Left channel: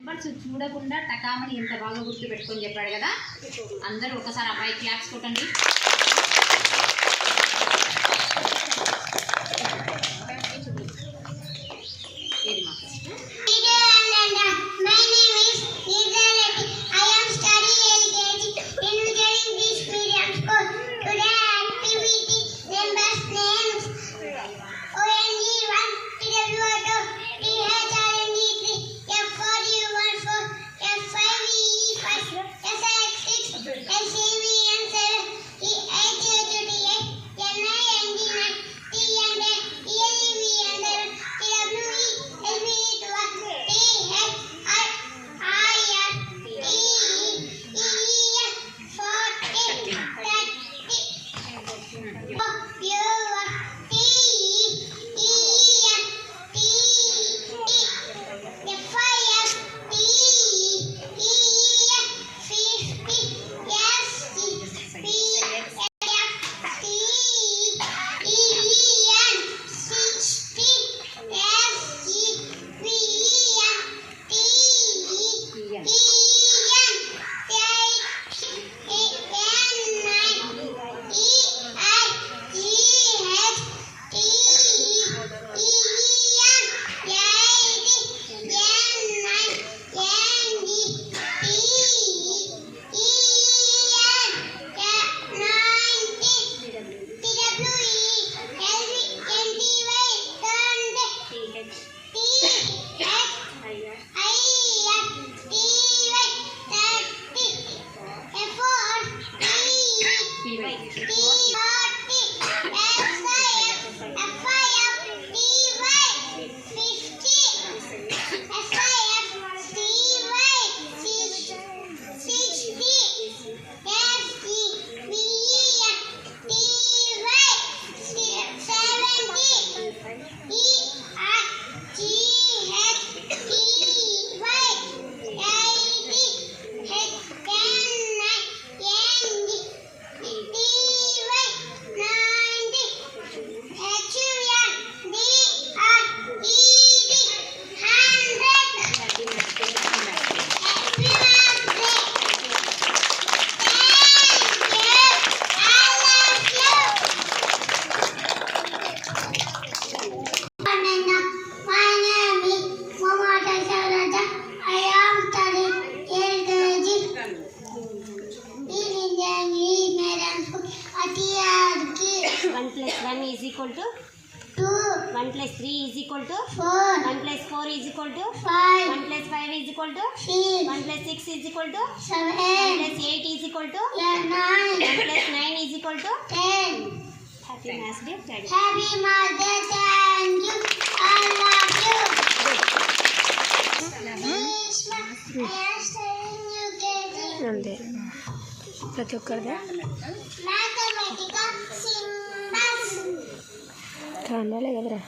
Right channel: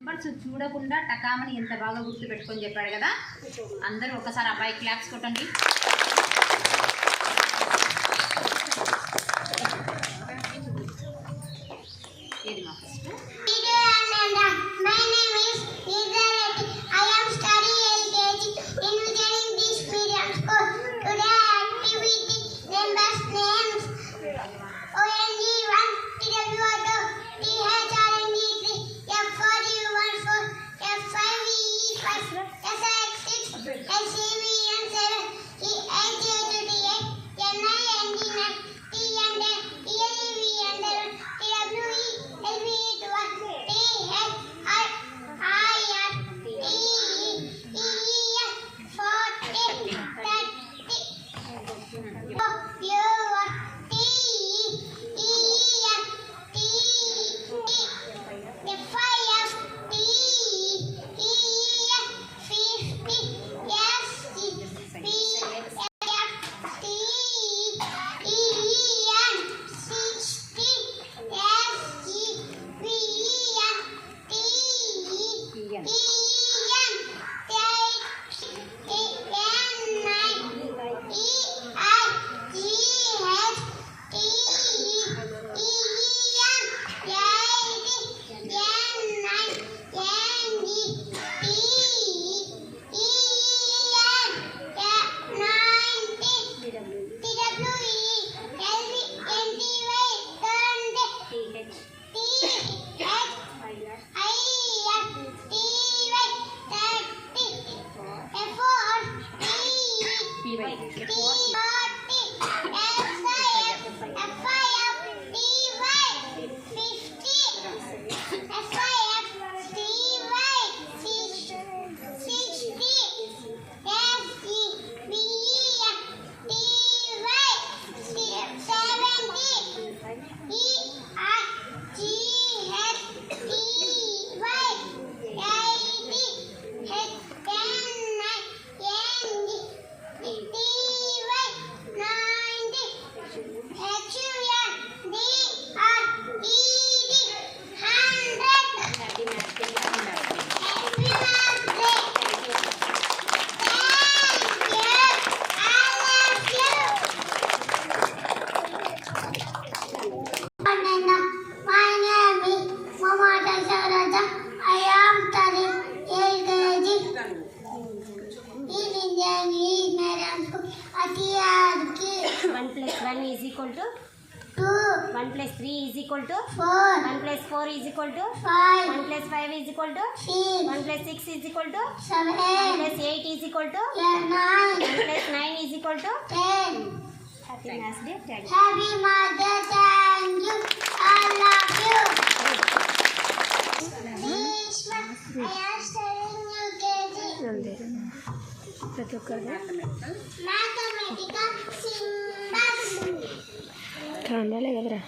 Numbers చూడకుండా టకామని ఎంత బాగా గుర్తు పెట్టుకొని చెప్పాడు కదా. అందరూ ఒకసారి అబ్బాయి క్లాప్స్ కొట్టండి. ఏది మా ఫస్ట్ ప్రతి ఒక్కరిది కాండాలే కదరా.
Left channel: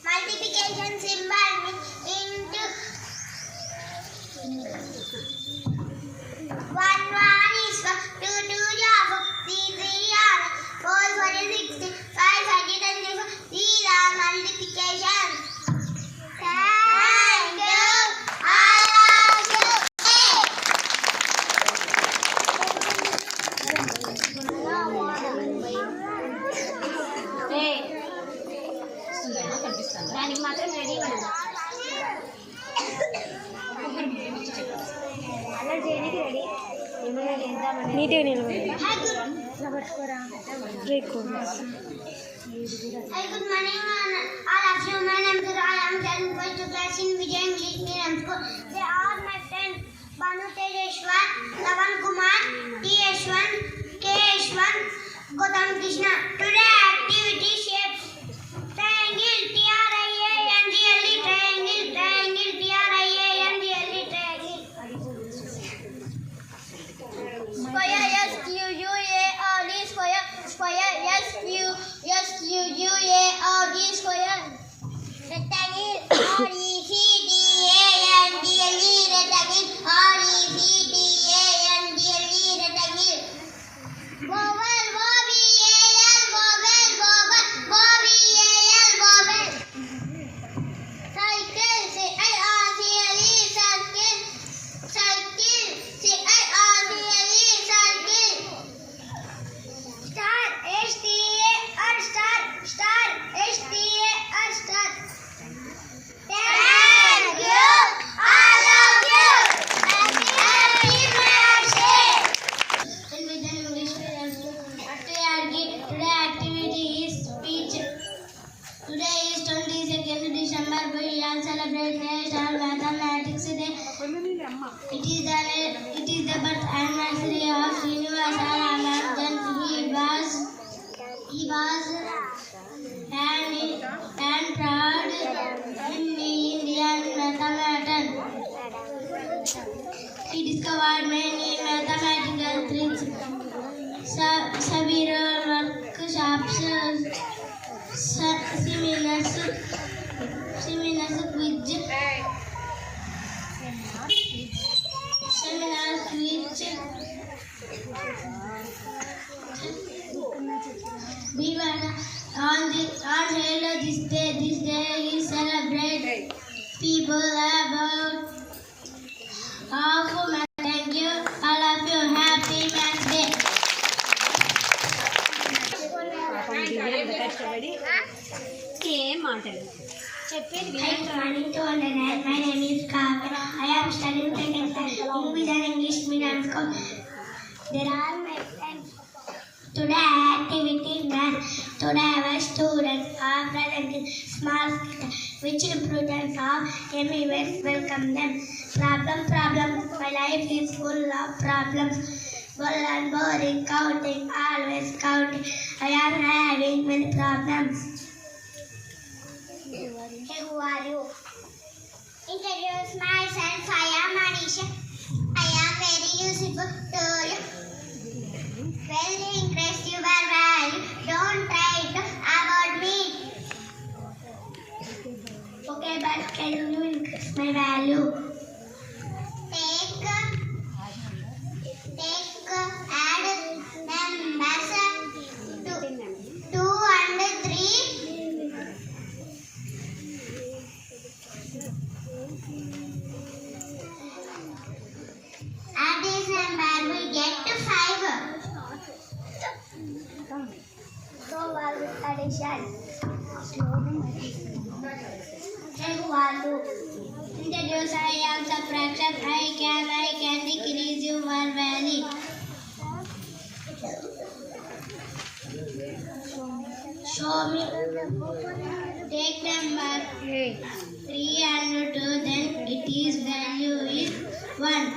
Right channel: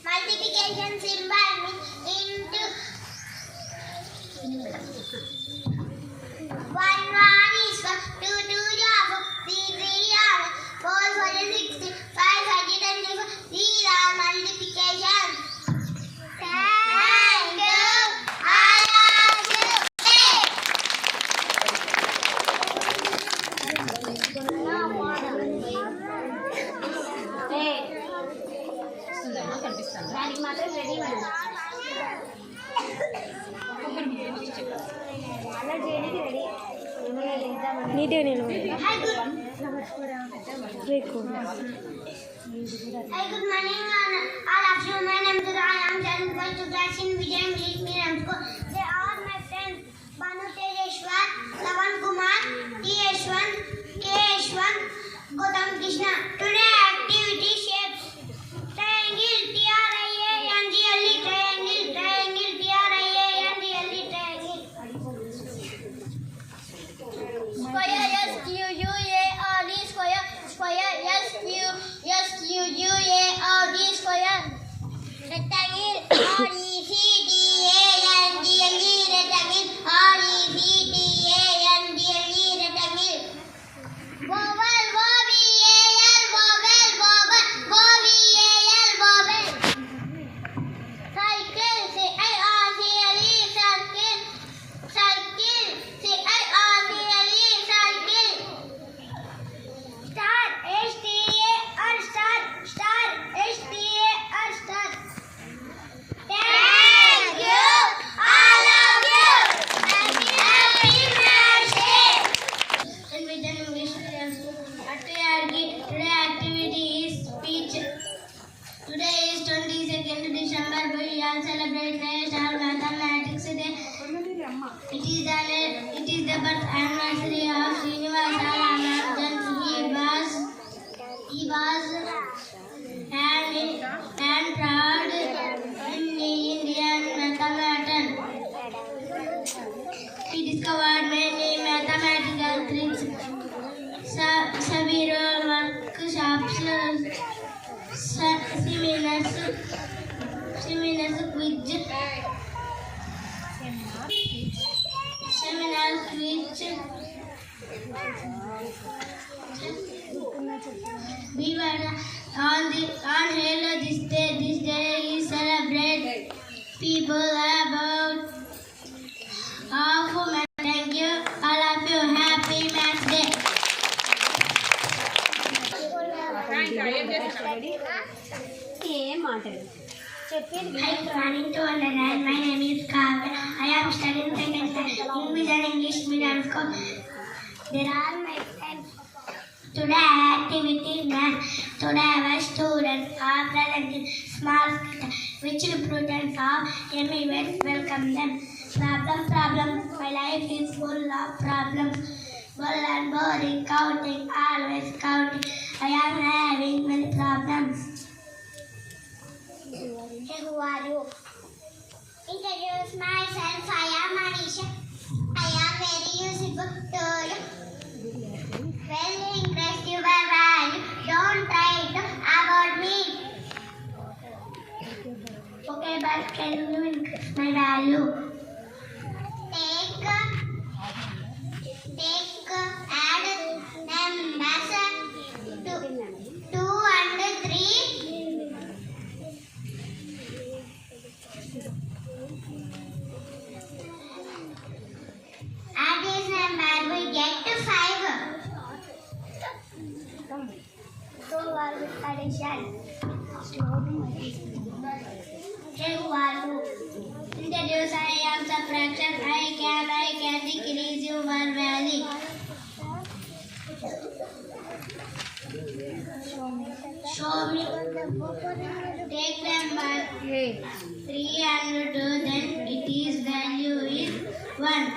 Multiplication. Thank you. ನೀಟಾಗಿ ನಿಲ್ಬೋದು ಬೇಕು. Hi, good morning, all of you. My name is Rai. I am going to class in Vijay English Medium School. They are my friends Banu Tejeshwar, Lavan Kumar, T.H.1, K.H.1, Gautam Krishna. Today activity shapes triangle, T-R-I-A-N-G-L-E, triangle, triangle, T-R-I-A-N-G-L-E, triangle. Square, S-Q-U-A-R-D, square, square, S-Q-U-A-R-D, square. Rectangle, R-E-C-T-A-N-G-L-E, rectangle, R-E-C-T-A-N-G-L-E, rectangle. Vowel, V-O-W-E-L, vowel, vowel, V-O-W-E-L, vowel. Cycle, C-I-R-C-L-E, cycle, cycle, C-I-R-C-L-E, cycle. Star, S-T-A-R, star, star, S-T-A-R, star. Thank you, all of you. Happy birthday. In Vijay English Medium School, today activity is speech. Today is 22nd December. We all celebrate National Mathematics Day. It is the birth anniversary of Srinivasa Ramanujan. He was and proud Indian mathematician. He discovered many mathematical tricks, several workshops, seminars, which we were on Halo this day. This day we celebrate people about of math. Thank you, all of you. Happy Math Day. ఏం మాటలు Hi, good morning to all and all. My name is Kavya. I am studying second standard in Vijay English Medium School. There are my friends. Today activity math. Today our students are presenting small skit which represents of Amy West. Welcome them. Problem. My life is full of problems. Full and boring, counting, always counting. I am having many problems. Hey, who are you? Introduce myself. I am Anisha. I am very useful to you. Well, increase your value. Don't try to avoid me. Okay, but can you increase my value? Take, add numbers 2 and 3. Add this number, we get to 5. So are with addition. Hey, who are you? Introduce I am subtraction. I can decrease your value. Show me. Take number 3 and 2, then its value is 1.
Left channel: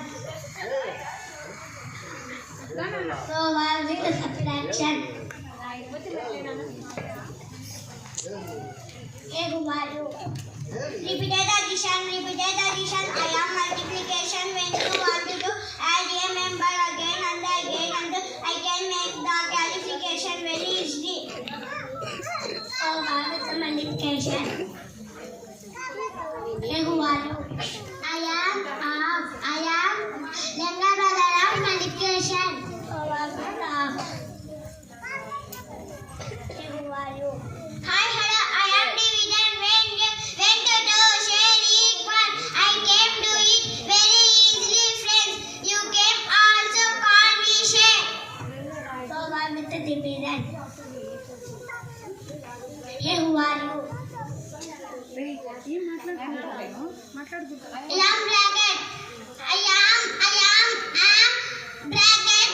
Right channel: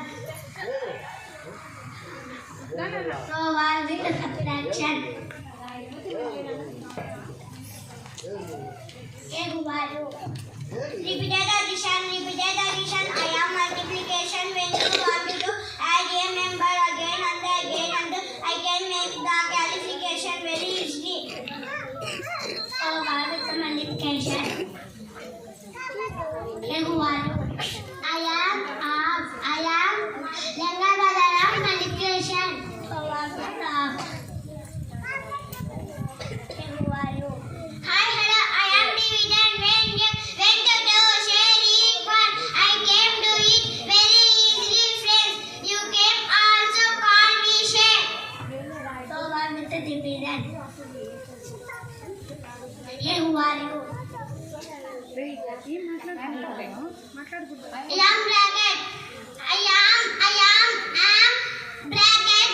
So what is the subtraction? Hey, who are you? Repeated addition. I am multiplication. When you want to do add a member again and I can make the qualification very easily. So what is the multiplication? Hey, who are you? I am younger brother of multiplication. So what is the half? Hey, who are you? Hi, hello. I am division. When to do share equal, I came to it very easily, friends. You can also call me share. So what is the division? Hey, who are you? Long bracket. I am bracket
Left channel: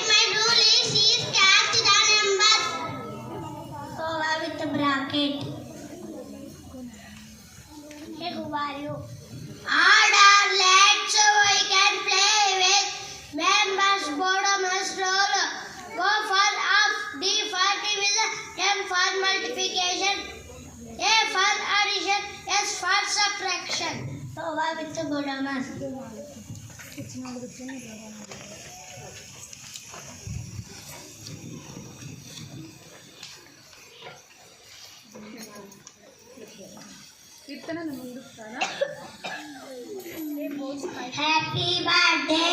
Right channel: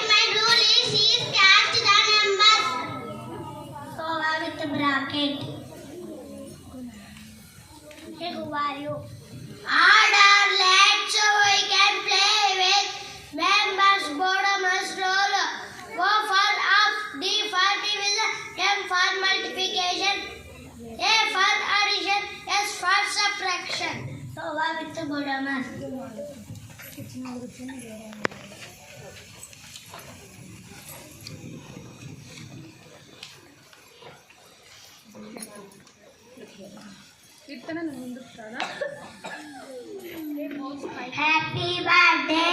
cocoa with glutamate. Happy birthday